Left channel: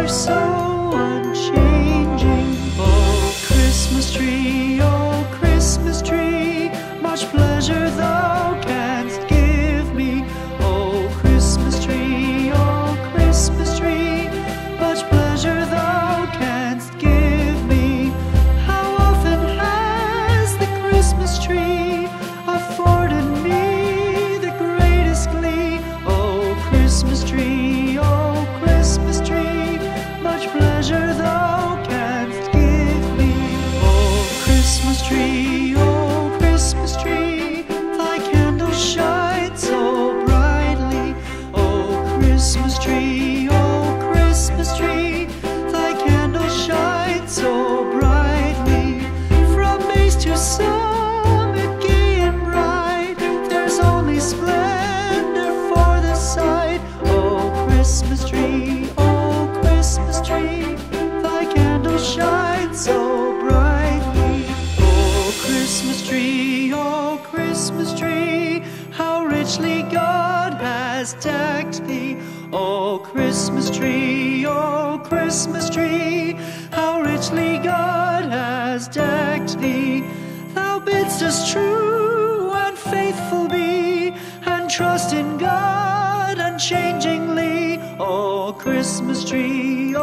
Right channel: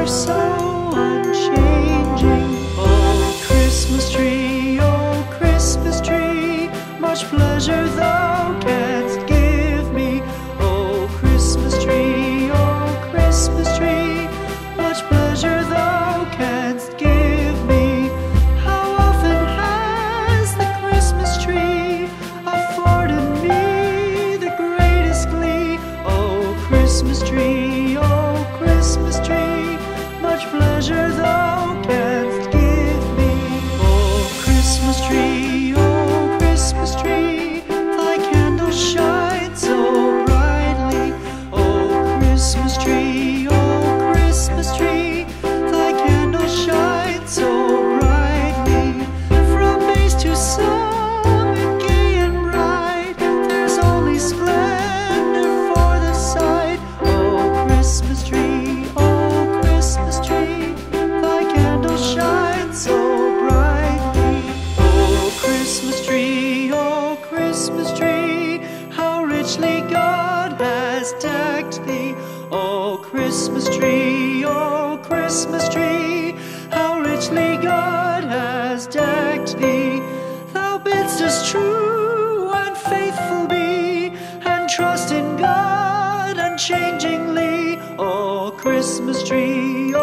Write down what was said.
are so unchanging. Oh, Christmas tree, much pleasure thou canst give me. Oh, Christmas tree, much pleasure thou canst give me. How often has the Christmas tree afforded me the greatest glee? Oh, Christmas tree, much pleasure thou canst give me. Oh, Christmas tree, thy candle shines so brightly. Oh, Christmas tree, thy candle shines so brightly. From base to summit, gay and bright, there's only splendor for the sight. Oh, Christmas tree, thy candle shines so brightly. Oh, Christmas tree, how richly God has decked thee. Oh, Christmas tree, how richly God has decked thee. Thou bidst us true and faithful be, and trust in God unchangingly. Oh, Christmas tree,